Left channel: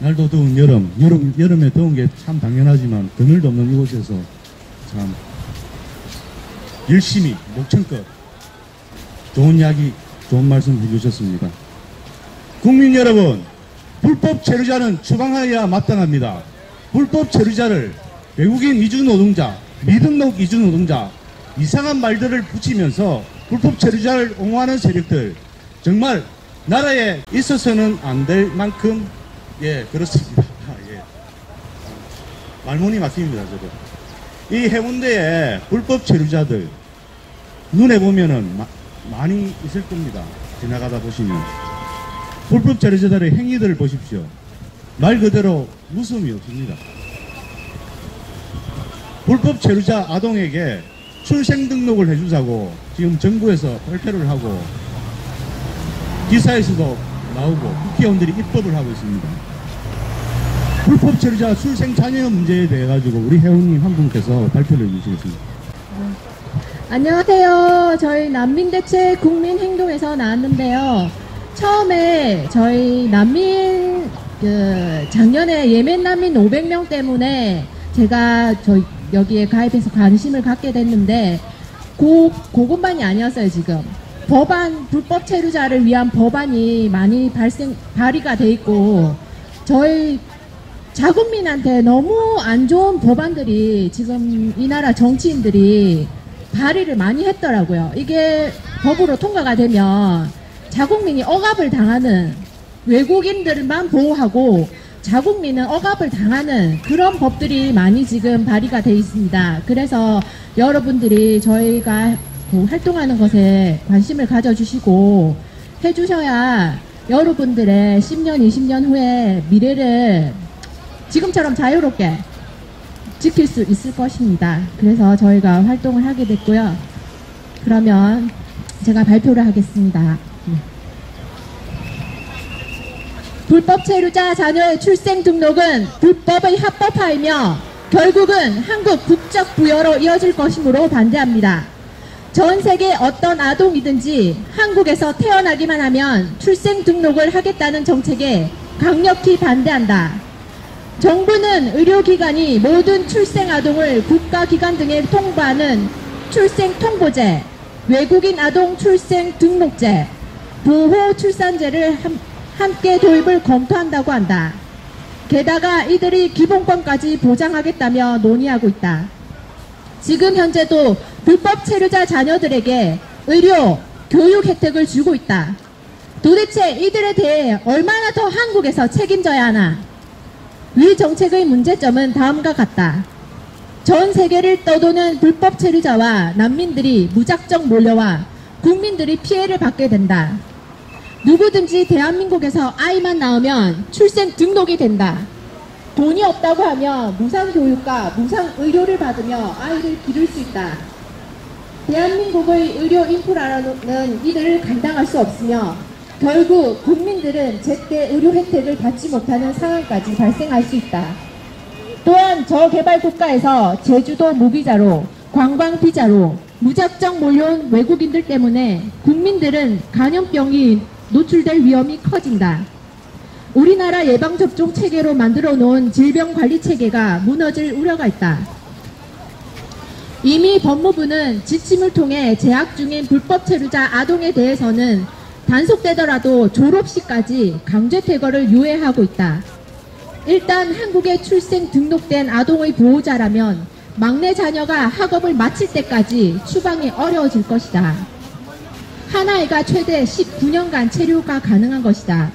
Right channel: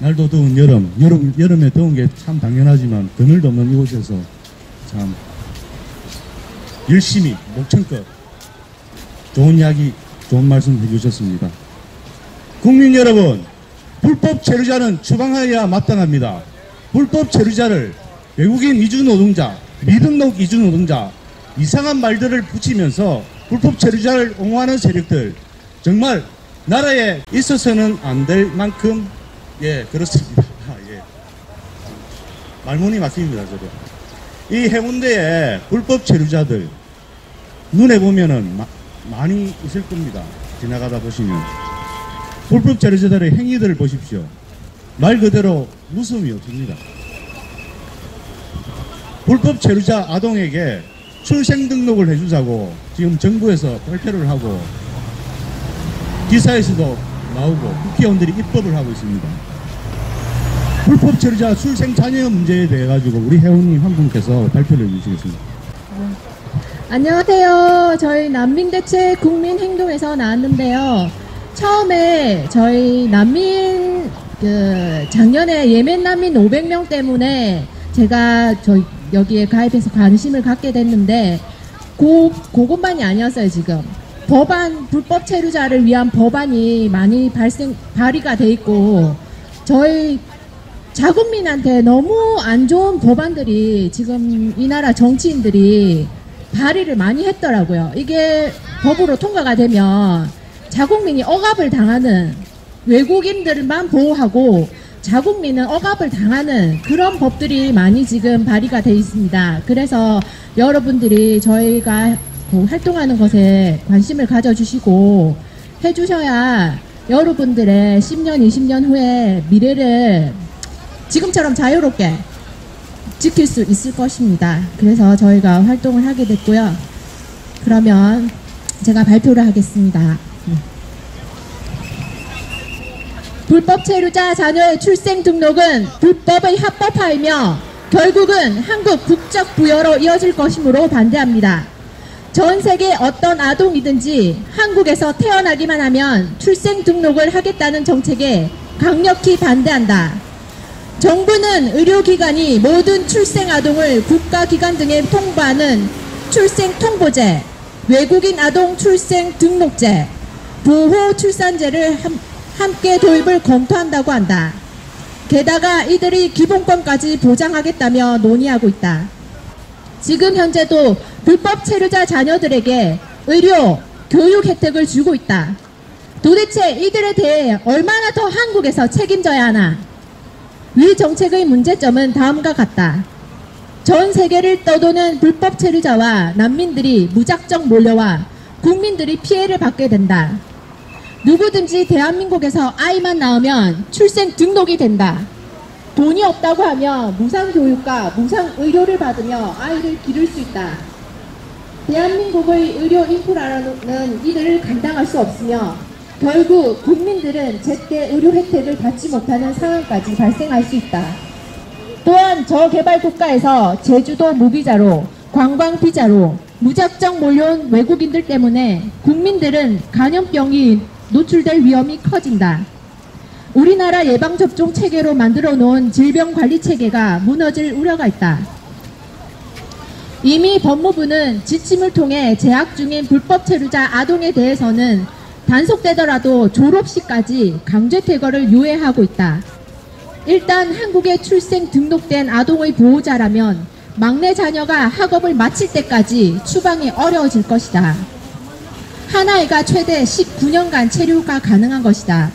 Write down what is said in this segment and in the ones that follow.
날도 더운 여름에 더운 게 참 당연하지만 그늘도 없는 이곳에서 참 열심히 목청껏 좋은 이야기, 좋은 말씀 해주셨습니다. 국민 여러분, 불법 체류자는 처방하여야 마땅합니다. 불법 체류자를 외국인 이주노동자, 미등록 이주노동자, 이상한 말들을 붙이면서 불법 체류자를 옹호하는 세력들, 정말 나라에 있어서는 안 될 만큼 그렇습니다. 말문이 막힙니다. 이 해운대에 불법 체류자들 눈에 보면은 많이 있을 겁니다. 지나가다 보시면 불법 체류자들의 행위들을 보십시오. 말 그대로 웃음이 없습니다. 불법 체류자 아동에게 출생 등록을 해주자고 지금 정부에서 발표를 하고 기사에서도 나오고 국회의원들이 입법을 하고 있습니다. 불법 체류자 출생 자녀 문제에 대해 가지고 우리 회원님 한 분께서 발표를 해주시겠습니다. 안녕하세요. 저희 난민대책 국민행동에서 나왔는데요. 처음에 저희 작년에 예멘 난민 500명 때문에 제가 여기에 가입해서 관심을 갖게 됐는데 그것만이 아니었어요. 지금 불법 체류자를 위한 법안이 많이 발의가 돼 있고 저희 자국민한테 너무 안 좋은 법안들이 지금 이 나라 정치인들이 발의를 많이 했더라고요. 이게 법으로 통과가 되면 자국민이 억압을 당하는, 외국인들만 보호하고 자국민은 억압을 당하는 그런 법들이 많이 지금 발의가 돼 있습니다. 그래서 여러분들이 저희가 활동하는 것에 관심을 가져주시고 해주셔야 여러분들의 10년, 20년 후에 미래를 지금처럼 자유롭게 지킬 수 있을 것입니다. 그래서 저희가 활동을 하게 됐고요. 그러면 제가 발표를 하겠습니다. 불법 체류자 자녀의 출생 등록은 불법의 합법화이며 결국은 한국 국적 부여로 이어질 것이므로 반대합니다. 전 세계 어떤 아동이든지 한국에서 태어나기만 하면 출생 등록을 하겠다는 정책에 강력히 반대한다. 정부는 의료기관이 모든 출생 아동을 국가기관 등에 통보하는 출생 통보제, 외국인 아동 출생 등록제, 보호 출산제를 함께 도입을 검토한다고 한다. 게다가 이들이 기본권까지 보장하겠다며 논의하고 있다. 지금 현재도 불법 체류자 자녀들에게 의료, 교육 혜택을 주고 있다. 도대체 이들에 대해 얼마나 더 한국에서 책임져야 하나? 이 정책의 문제점은 다음과 같다. 전 세계를 떠도는 불법 체류자와 난민들이 무작정 몰려와 국민들이 피해를 받게 된다. 누구든지 대한민국에서 아이만 낳으면 출생 등록이 된다. 돈이 없다고 하면 무상교육과 무상의료를 받으며 아이를 기를 수 있다. 대한민국의 의료 인프라는 이들을 감당할 수 없으며 결국 국민들은 제때 의료 혜택을 받지 못하는 상황까지 발생할 수 있다. 또한 저개발 국가에서 제주도 무비자로 관광비자로 무작정 몰려온 외국인들 때문에 국민들은 감염병이 노출될 위험이 커진다. 우리나라 예방접종 체계로 만들어 놓은 질병관리체계가 무너질 우려가 있다. 이미 법무부는 지침을 통해 재학 중인 불법 체류자 아동에 대해서는 단속되더라도 졸업시까지 강제 퇴거를 유예하고 있다. 일단 한국에 출생 등록된 아동의 보호자라면 막내 자녀가 학업을 마칠 때까지 추방이 어려워질 것이다. 한 아이가 최대 19년간 체류가 가능한 것이다.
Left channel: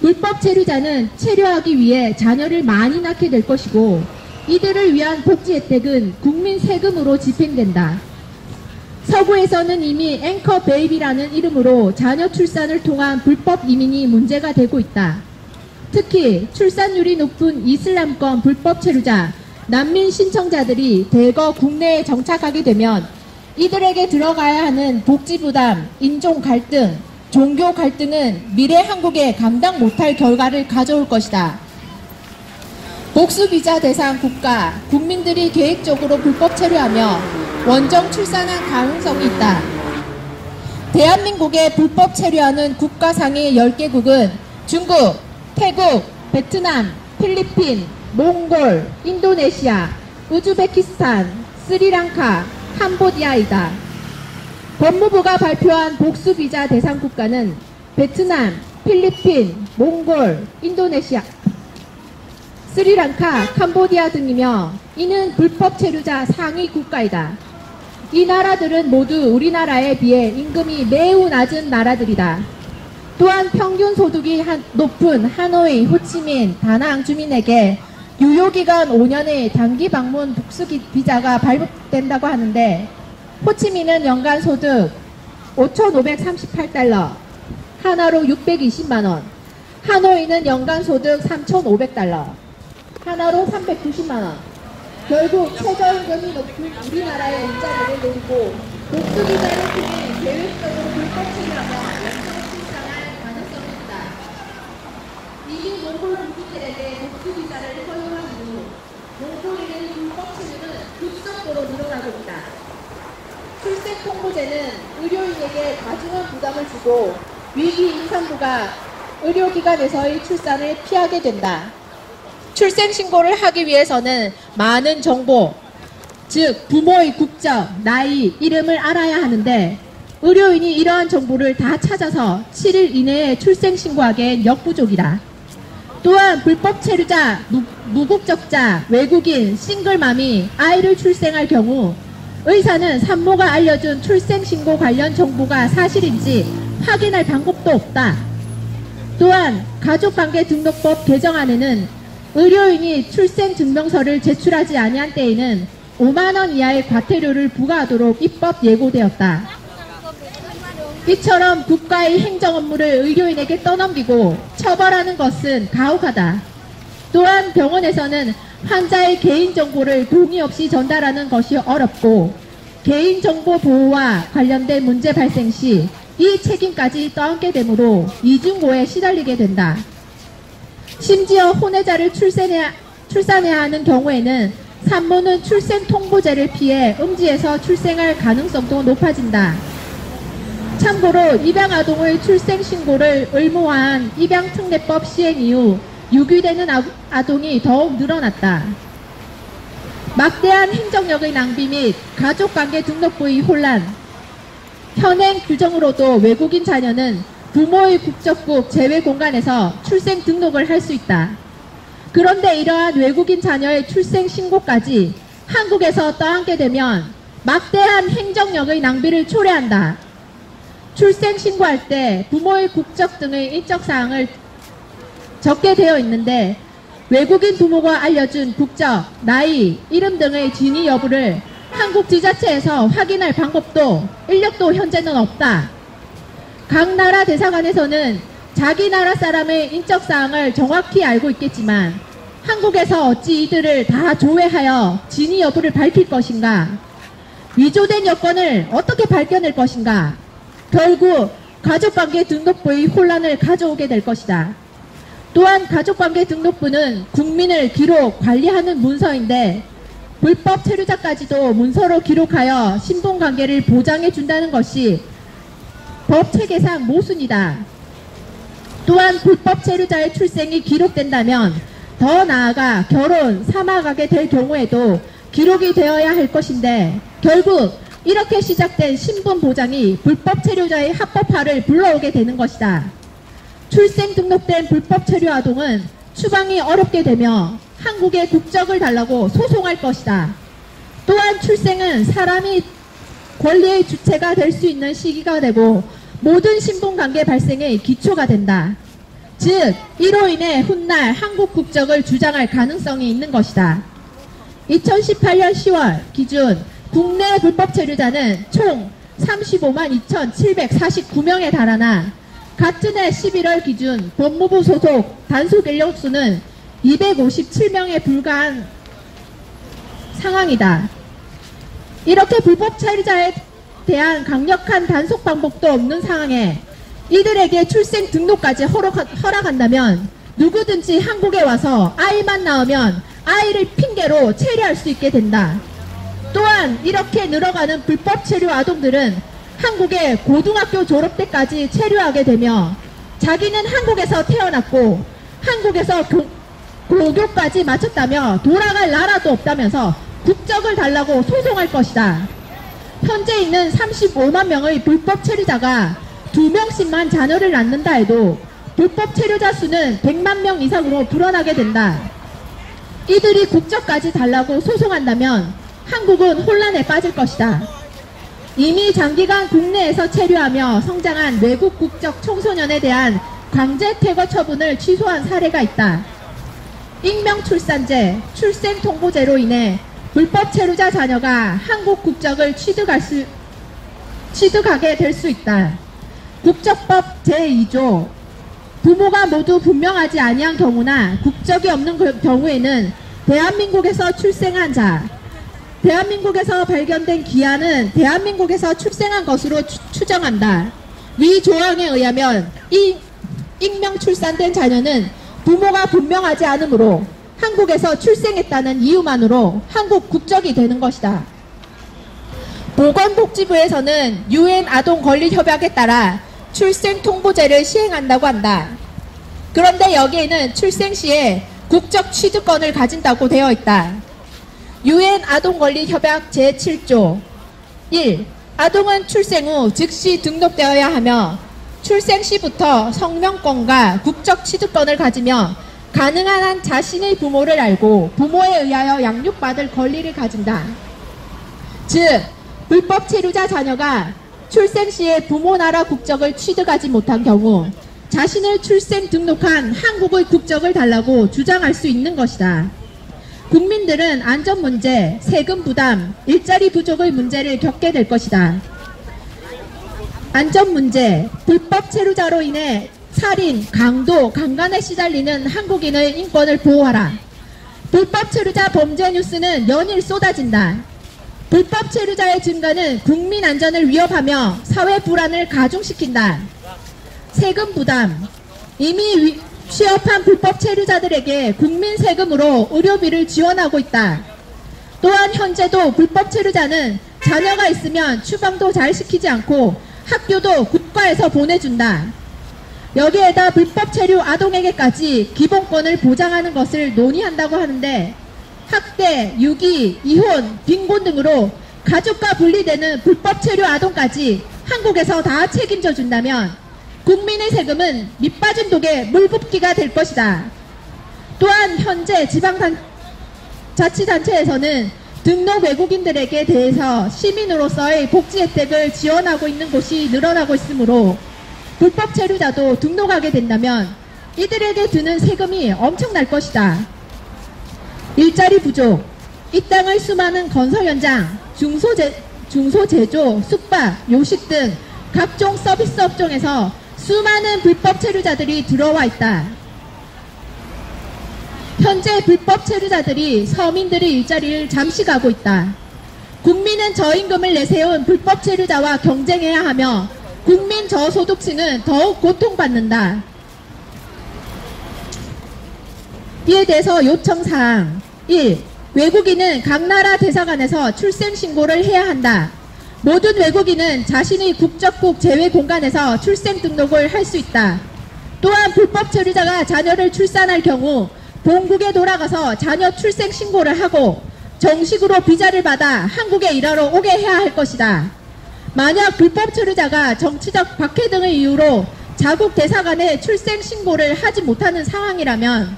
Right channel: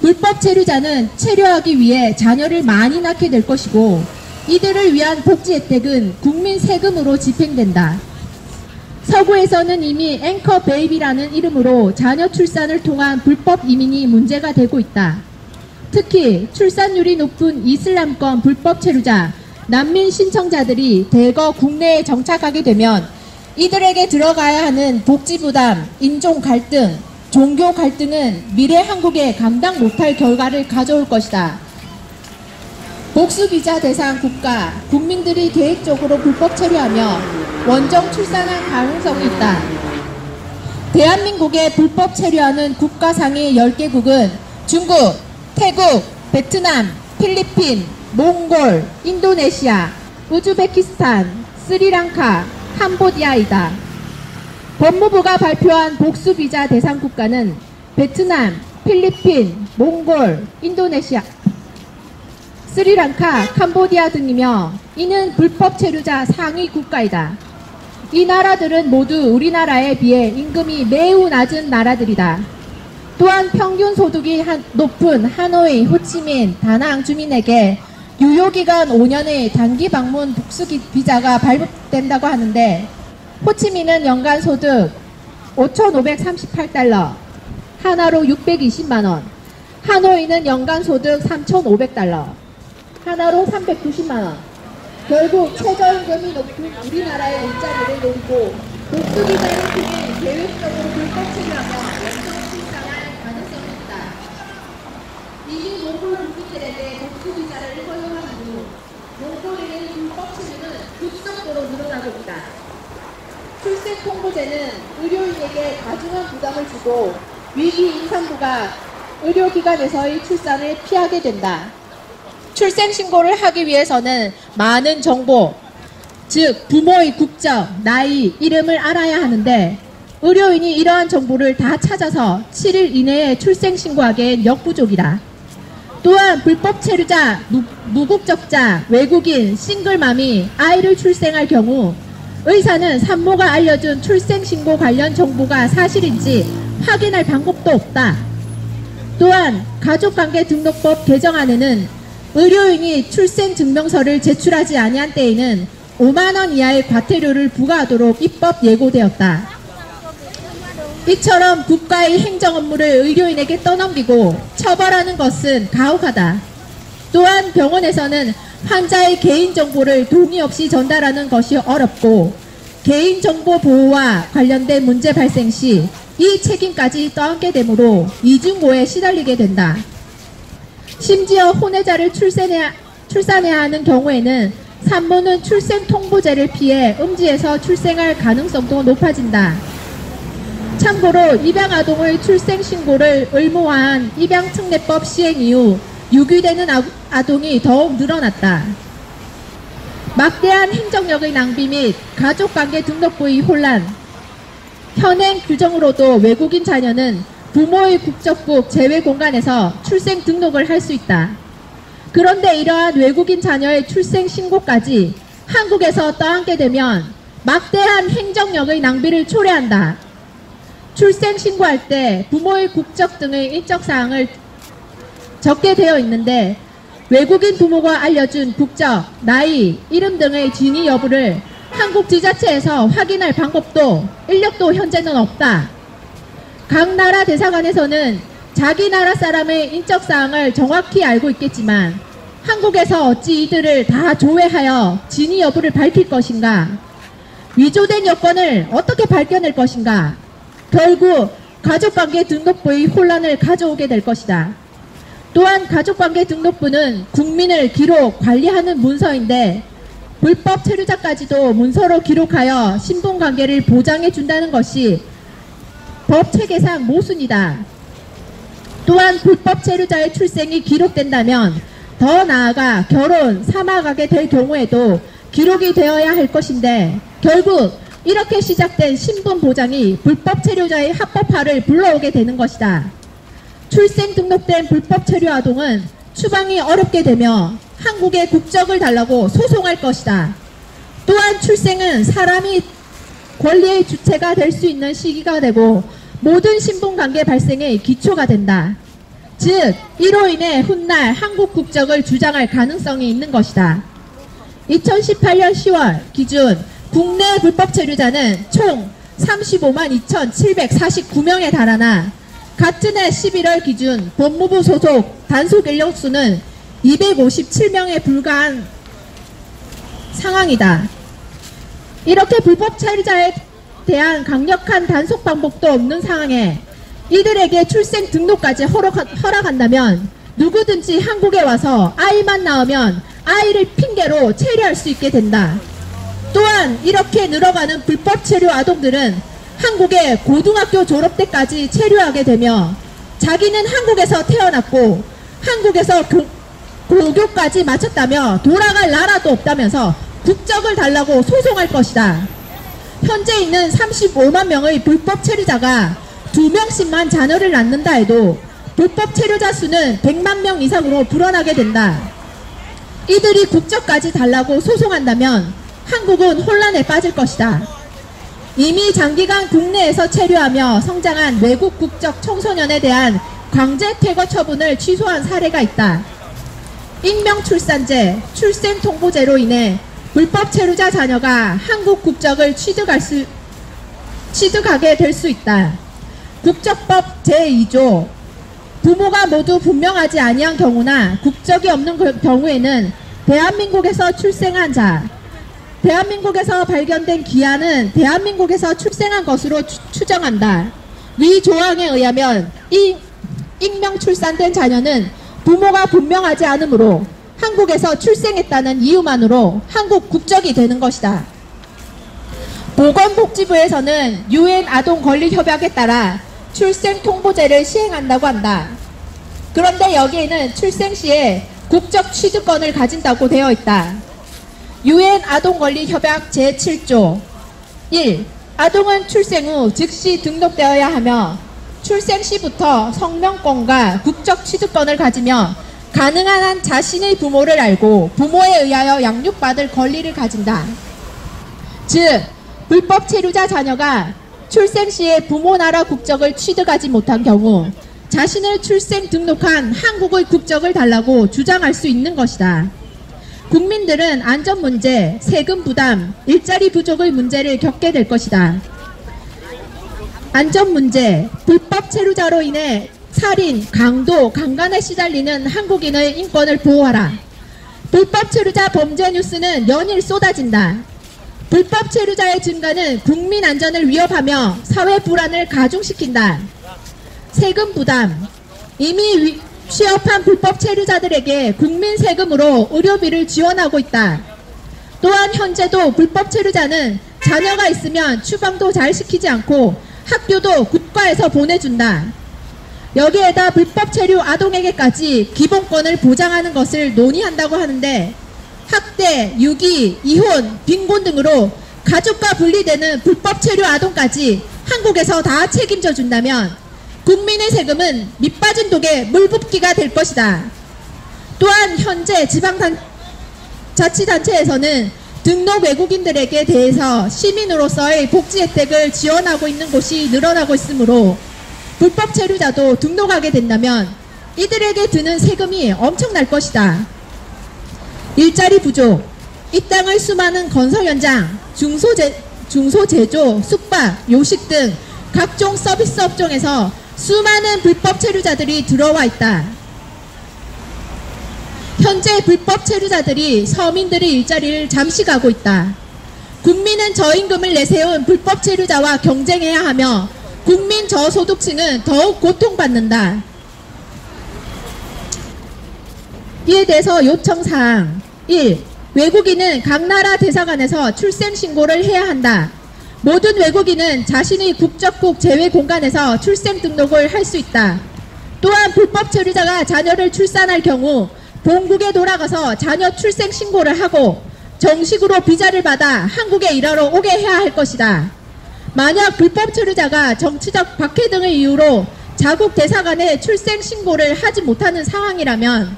불법 체류자는 체류하기 위해 자녀를 많이 낳게 될 것이고 이들을 위한 복지 혜택은 국민 세금으로 집행된다. 서구에서는 이미 앵커 베이비라는 이름으로 자녀 출산을 통한 불법 이민이 문제가 되고 있다. 특히 출산율이 높은 이슬람권 불법 체류자, 난민 신청자들이 대거 국내에 정착하게 되면 이들에게 들어가야 하는 복지 부담, 인종 갈등, 종교 갈등은 미래 한국에 감당 못할 결과를 가져올 것이다. 복수비자 대상 국가, 국민들이 계획적으로 불법 체류하며 원정 출산할 가능성이 있다. 대한민국에 불법 체류하는 국가 상위 10개국은 중국, 태국, 베트남, 필리핀, 몽골, 인도네시아, 우즈베키스탄, 스리랑카, 캄보디아이다. 법무부가 발표한 복수비자 대상 국가는 베트남, 필리핀, 몽골, 인도네시아, 스리랑카, 캄보디아 등이며 이는 불법 체류자 상위 국가이다. 이 나라들은 모두 우리나라에 비해 임금이 매우 낮은 나라들이다. 또한 평균 소득이 높은 하노이, 호치민, 다낭 주민에게 유효기간 5년의 단기 방문 복수 비자가 발급된다고 하는데 호치민은 연간 소득 5,538달러, 하나로 620만원, 하노이는 연간 소득 3,500달러, 하나로 390만원. 결국 최저임금이 높은 우리나라의 일자리를 노리고 복수비자를 통해 계획적으로 불법 체류하며 생산할 가능성이 있다. 이미 몽골 국민들에게 복수비자를 허용한 이후 몽골인의 불법 체류는 급속도로 늘어나고 있다. 출생통보제는 의료인에게 가중한 부담을 주고 위기 임산부가 의료기관에서의 출산을 피하게 된다. 출생신고를 하기 위해서는 많은 정보, 즉 부모의 국적, 나이, 이름을 알아야 하는데 의료인이 이러한 정보를 다 찾아서 7일 이내에 출생신고하기엔 역부족이다. 또한 불법 체류자, 무국적자, 외국인, 싱글맘이 아이를 출생할 경우 의사는 산모가 알려준 출생신고 관련 정보가 사실인지 확인할 방법도 없다. 또한 가족관계등록법 개정안에는 의료인이 출생증명서를 제출하지 아니한 때에는 5만원 이하의 과태료를 부과하도록 입법 예고되었다. 이처럼 국가의 행정 업무를 의료인에게 떠넘기고 처벌하는 것은 가혹하다. 또한 병원에서는 환자의 개인정보를 동의 없이 전달하는 것이 어렵고 개인정보 보호와 관련된 문제 발생 시 이 책임까지 떠안게 되므로 이중고에 시달리게 된다. 심지어 혼외자를 출산해야 하는 경우에는 산모는 출생통보제를 피해 음지에서 출생할 가능성도 높아진다. 참고로 입양아동의 출생신고를 의무화한 입양특례법 시행 이후 유기되는 아동이 더욱 늘어났다. 막대한 행정력의 낭비 및 가족관계 등록부의 혼란, 현행 규정으로도 외국인 자녀는 부모의 국적국 제외 공간에서 출생 등록을 할 수 있다. 그런데 이러한 외국인 자녀의 출생 신고까지 한국에서 떠안게 되면 막대한 행정력의 낭비를 초래한다. 출생 신고할 때 부모의 국적 등의 인적사항을 적게 되어 있는데 외국인 부모가 알려준 국적, 나이, 이름 등의 진위 여부를 한국 지자체에서 확인할 방법도 인력도 현재는 없다. 각 나라 대사관에서는 자기 나라 사람의 인적사항을 정확히 알고 있겠지만 한국에서 어찌 이들을 다 조회하여 진위 여부를 밝힐 것인가? 위조된 여권을 어떻게 밝혀낼 것인가? 결국 가족관계 등록부의 혼란을 가져오게 될 것이다. 또한 가족관계 등록부는 국민을 기록, 관리하는 문서인데 불법 체류자까지도 문서로 기록하여 신분관계를 보장해 준다는 것이 법 체계상 모순이다. 또한 불법 체류자의 출생이 기록된다면 더 나아가 결혼, 사망하게 될 경우에도 기록이 되어야 할 것인데 결국 이렇게 시작된 신분 보장이 불법 체류자의 합법화를 불러오게 되는 것이다. 출생 등록된 불법 체류 아동은 추방이 어렵게 되며 한국의 국적을 달라고 소송할 것이다. 또한 출생은 사람이 권리의 주체가 될 수 있는 시기가 되고 모든 신분관계 발생의 기초가 된다. 즉 이로 인해 훗날 한국 국적을 주장할 가능성이 있는 것이다. 2018년 10월 기준 국내 불법 체류자는 총 35만 2,749명에 달하나 같은 해 11월 기준 법무부 소속 단속 인력수는 257명에 불과한 상황이다. 이렇게 불법 체류자에 대한 강력한 단속 방법도 없는 상황에 이들에게 출생 등록까지 허락한다면 누구든지 한국에 와서 아이만 낳으면 아이를 핑계로 체류할 수 있게 된다. 또한 이렇게 늘어가는 불법 체류 아동들은 한국에 고등학교 졸업 때까지 체류하게 되며 자기는 한국에서 태어났고 한국에서 고교까지 마쳤다며 돌아갈 나라도 없다면서 국적을 달라고 소송할 것이다. 현재 있는 35만 명의 불법 체류자가 2명씩만 자녀를 낳는다 해도 불법 체류자 수는 100만 명 이상으로 불어나게 된다. 이들이 국적까지 달라고 소송한다면 한국은 혼란에 빠질 것이다. 이미 장기간 국내에서 체류하며 성장한 외국 국적 청소년에 대한 강제 퇴거 처분을 취소한 사례가 있다. 익명 출산제, 출생통보제로 인해 불법 체류자 자녀가 한국 국적을 취득하게 될 수 있다. 국적법 제2조 부모가 모두 분명하지 아니한 경우나 국적이 없는 경우에는 대한민국에서 출생한 자, 대한민국에서 발견된 기한은 대한민국에서 출생한 것으로 추정한다. 이 조항에 의하면 이 익명 출산된 자녀는 부모가 분명하지 않으므로 한국에서 출생했다는 이유만으로 한국 국적이 되는 것이다. 보건복지부에서는 UN 아동권리협약에 따라 출생통보제를 시행한다고 한다. 그런데 여기에는 출생 시에 국적 취득권을 가진다고 되어 있다. UN 아동권리협약 제7조 1. 아동은 출생 후 즉시 등록되어야 하며 출생 시부터 성명권과 국적 취득권을 가지며 가능한 한 자신의 부모를 알고 부모에 의하여 양육받을 권리를 가진다. 즉, 불법 체류자 자녀가 출생 시에 부모 나라 국적을 취득하지 못한 경우 자신을 출생 등록한 한국의 국적을 달라고 주장할 수 있는 것이다. 국민들은 안전 문제, 세금 부담, 일자리 부족의 문제를 겪게 될 것이다. 안전 문제, 불법 체류자로 인해 살인, 강도, 강간에 시달리는 한국인의 인권을 보호하라. 불법 체류자 범죄 뉴스는 연일 쏟아진다. 불법 체류자의 증가는 국민 안전을 위협하며 사회 불안을 가중시킨다. 세금 부담, 이미 취업한 불법 체류자들에게 국민 세금으로 의료비를 지원하고 있다. 또한 현재도 불법 체류자는 자녀가 있으면 추방도 잘 시키지 않고 학교도 국가에서 보내준다. 여기에다 불법 체류 아동에게까지 기본권을 보장하는 것을 논의한다고 하는데 학대, 유기, 이혼, 빈곤 등으로 가족과 분리되는 불법 체류 아동까지 한국에서 다 책임져 준다면 국민의 세금은 밑빠진 독에 물붓기가 될 것이다. 또한 현재 지방자치단체에서는 등록 외국인들에게 대해서 시민으로서의 복지 혜택을 지원하고 있는 곳이 늘어나고 있으므로 불법 체류자도 등록하게 된다면 이들에게 드는 세금이 엄청날 것이다. 일자리 부족, 이 땅의 수많은 건설 현장, 중소제조, 숙박, 요식 등 각종 서비스 업종에서 수많은 불법 체류자들이 들어와 있다. 현재 불법 체류자들이 서민들의 일자리를 잠식하고 있다. 국민은 저임금을 내세운 불법 체류자와 경쟁해야 하며 국민 저소득층은 더욱 고통받는다. 이에 대해서 요청사항 1. 외국인은 각 나라 대사관에서 출생신고를 해야 한다. 모든 외국인은 자신의 국적국 제외 공간에서 출생 등록을 할 수 있다. 또한 불법 체류자가 자녀를 출산할 경우 본국에 돌아가서 자녀 출생 신고를 하고 정식으로 비자를 받아 한국에 일하러 오게 해야 할 것이다. 만약 불법 체류자가 정치적 박해 등의 이유로 자국 대사관에 출생 신고를 하지 못하는 상황이라면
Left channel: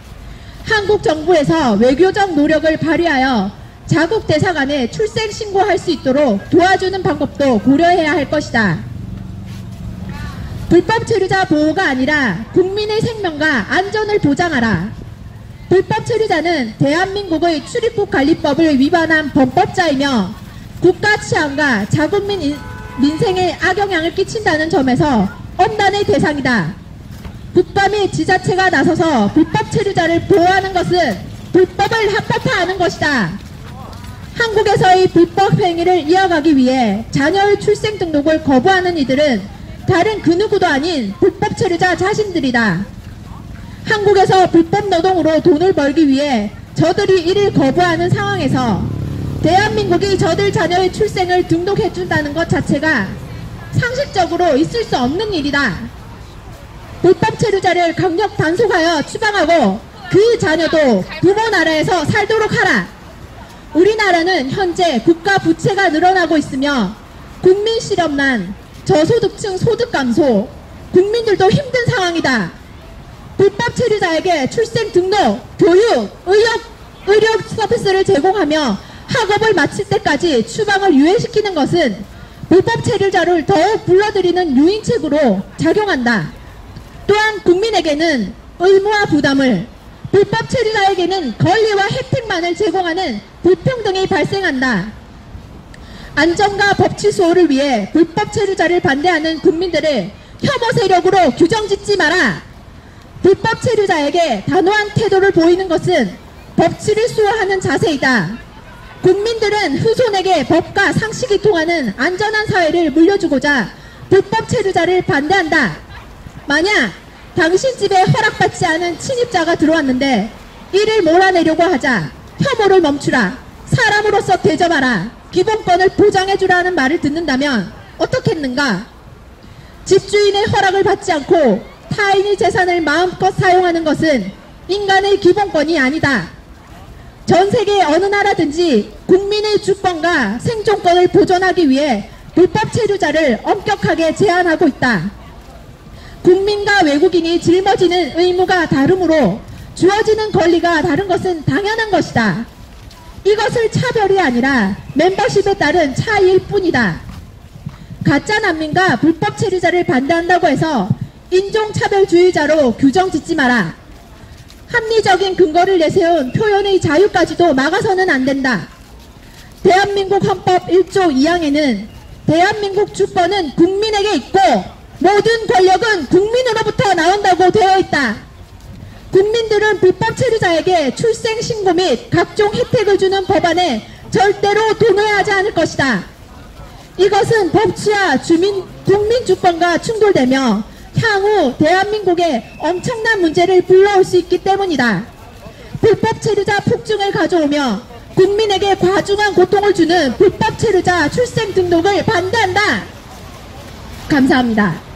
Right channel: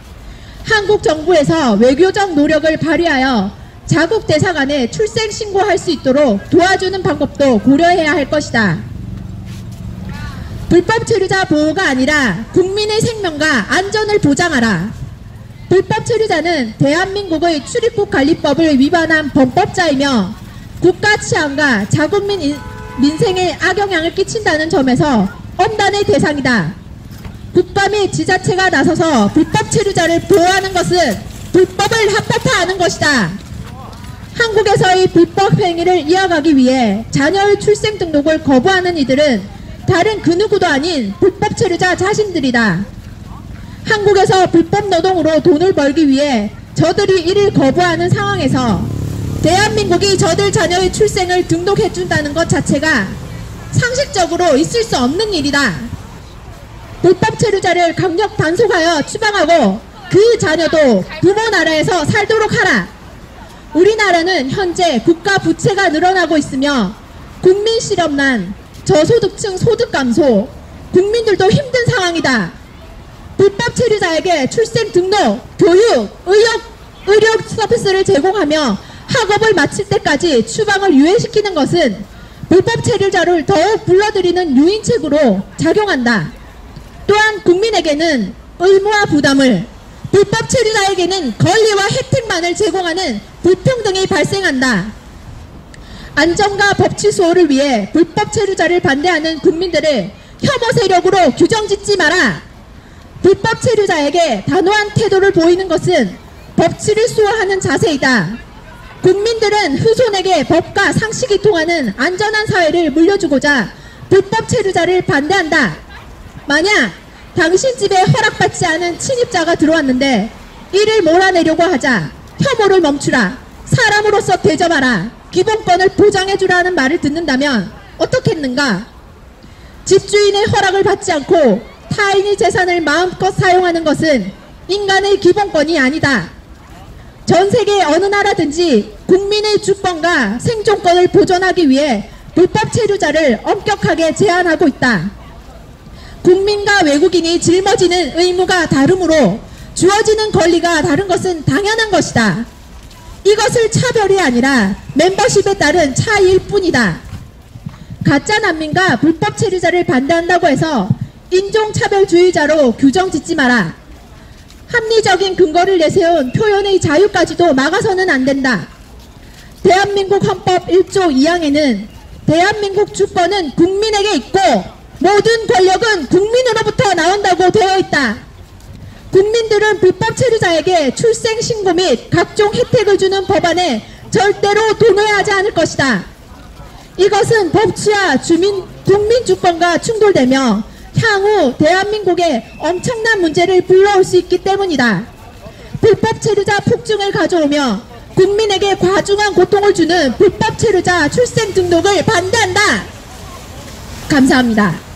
한국 정부에서 외교적 노력을 발휘하여 자국 대사관에 출생 신고할 수 있도록 도와주는 방법도 고려해야 할 것이다. 불법 체류자 보호가 아니라 국민의 생명과 안전을 보장하라. 불법 체류자는 대한민국의 출입국 관리법을 위반한 범법자이며 국가 치안과 자국 민생에 악영향을 끼친다는 점에서 엄단의 대상이다. 국가 및 지자체가 나서서 불법 체류자를 보호하는 것은 불법을 합법화하는 것이다. 한국에서의 불법 행위를 이어가기 위해 자녀의 출생 등록을 거부하는 이들은 다른 그 누구도 아닌 불법 체류자 자신들이다. 한국에서 불법 노동으로 돈을 벌기 위해 저들이 이를 거부하는 상황에서 대한민국이 저들 자녀의 출생을 등록해준다는 것 자체가 상식적으로 있을 수 없는 일이다. 불법 체류자를 강력 단속하여 추방하고 그 자녀도 부모 나라에서 살도록 하라. 우리나라는 현재 국가 부채가 늘어나고 있으며 국민 실업난, 저소득층 소득 감소, 국민들도 힘든 상황이다. 불법 체류자에게 출생 등록, 교육, 의료 서비스를 제공하며 학업을 마칠 때까지 추방을 유예시키는 것은 불법 체류자를 더욱 불러들이는 유인책으로 작용한다. 또한 국민에게는 의무와 부담을, 불법 체류자에게는 권리와 혜택만을 제공하는 불평등이 발생한다. 안전과 법치 수호를 위해 불법 체류자를 반대하는 국민들을 혐오 세력으로 규정짓지 마라. 불법 체류자에게 단호한 태도를 보이는 것은 법치를 수호하는 자세이다. 국민들은 후손에게 법과 상식이 통하는 안전한 사회를 물려주고자 불법 체류자를 반대한다. 만약 당신 집에 허락받지 않은 침입자가 들어왔는데 이를 몰아내려고 하자 혐오를 멈추라, 사람으로서 대접하라, 기본권을 보장해주라는 말을 듣는다면 어떻겠는가? 집주인의 허락을 받지 않고 타인의 재산을 마음껏 사용하는 것은 인간의 기본권이 아니다. 전 세계 어느 나라든지 국민의 주권과 생존권을 보존하기 위해 불법 체류자를 엄격하게 제한하고 있다. 국민과 외국인이 짊어지는 의무가 다르므로 주어지는 권리가 다른 것은 당연한 것이다. 이것을 차별이 아니라 멤버십에 따른 차이일 뿐이다. 가짜 난민과 불법 체류자를 반대한다고 해서 인종차별주의자로 규정짓지 마라. 합리적인 근거를 내세운 표현의 자유까지도 막아서는 안 된다. 대한민국 헌법 1조 2항에는 대한민국 주권은 국민에게 있고 모든 권력은 국민으로부터 나온다고 되어 있다. 국민들은 불법 체류자에게 출생신고 및 각종 혜택을 주는 법안에 절대로 동의하지 않을 것이다. 이것은 법치와 국민주권과 충돌되며 향후 대한민국에 엄청난 문제를 불러올 수 있기 때문이다. 불법 체류자 폭증을 가져오며 국민에게 과중한 고통을 주는 불법 체류자 출생 등록을 반대한다. 감사합니다.